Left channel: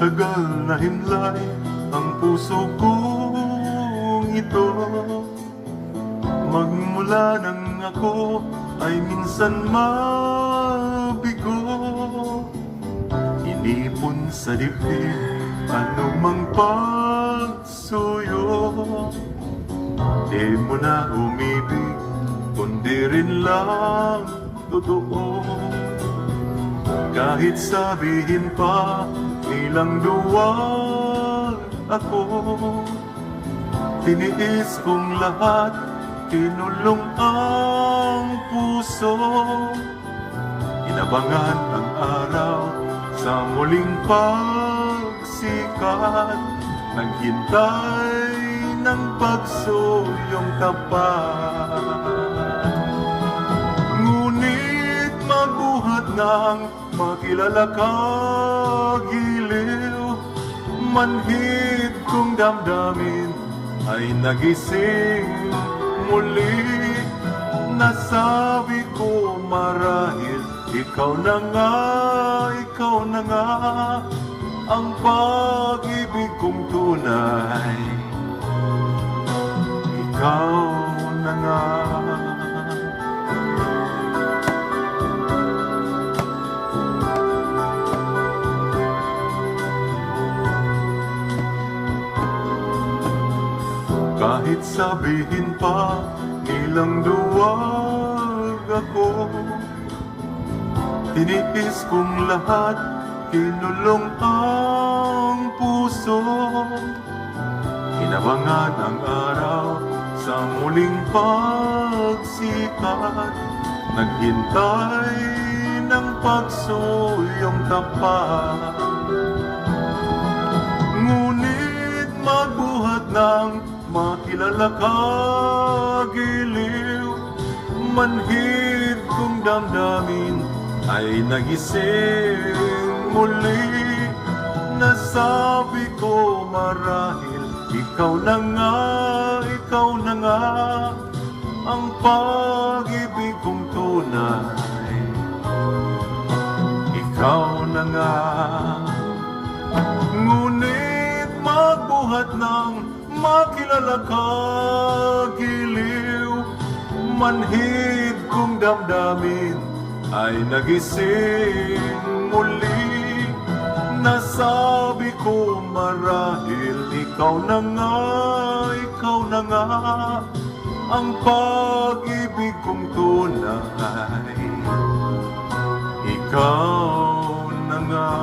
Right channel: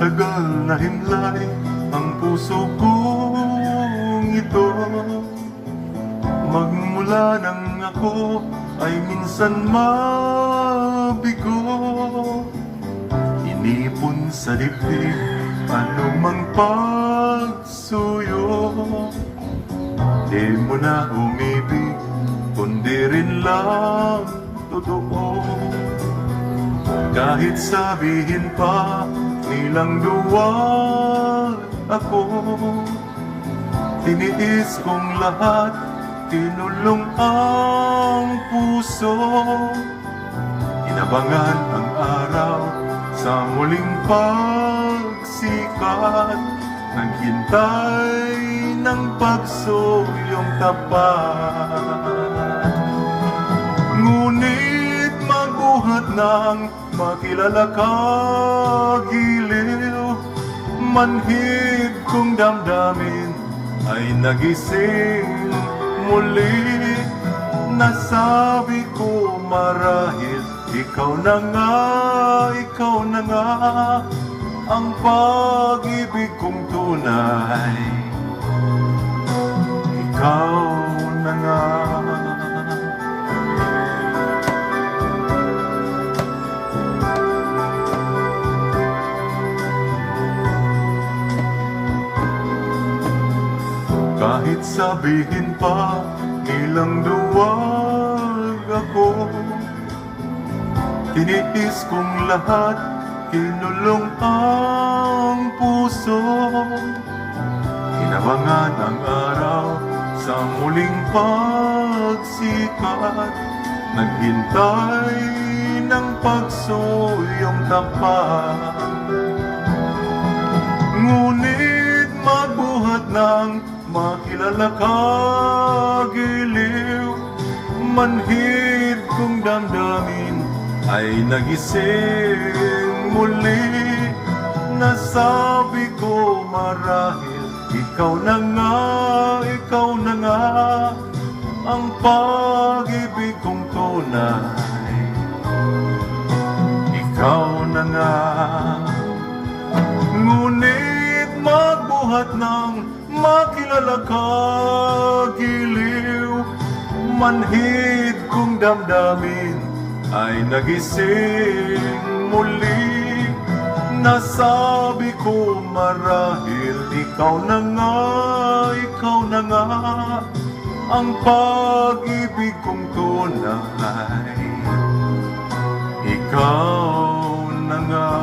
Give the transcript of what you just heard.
Matagal na himlay ang puso kong ito. Magmula nang ako ay minsan mabigo. Inipon sa dibdib anumang pagsuyo. Di mo na umibig, kundi rin lang totoo. Kahit sabihin pa nilang duwag ako, tiniis kong lahat, tinulong ang puso. Inabangan ang araw sa muling pagsikat, naghintay ng pagsuyong tapat. Ngunit magbuhat ng makilala ka, giliw, manhid kong damdamin ay nagising muli. Nasabi ko marahil ikaw na nga ang pag-ibig kong tunay. Ikaw na nga. Kahit sabihin pa nilang duwag ako, tiniis kong lahat, kinulong ang puso. Inabangan ang araw sa muling pagsikat, naghintay ng pagsuyong tapat. Ngunit magbuhat ng makilala ka, giliw, manhid kong damdamin ay nagising muli. Nasabi ko marahil ikaw na nga ang pag-ibig kong tunay. Ikaw na nga. Ngunit magbuhat ng makilala ka, giliw, manhid kong damdamin ay nagising muli. Nasabi ko marahil ikaw na nga ang pag-ibig kong tunay. Ikaw na nga.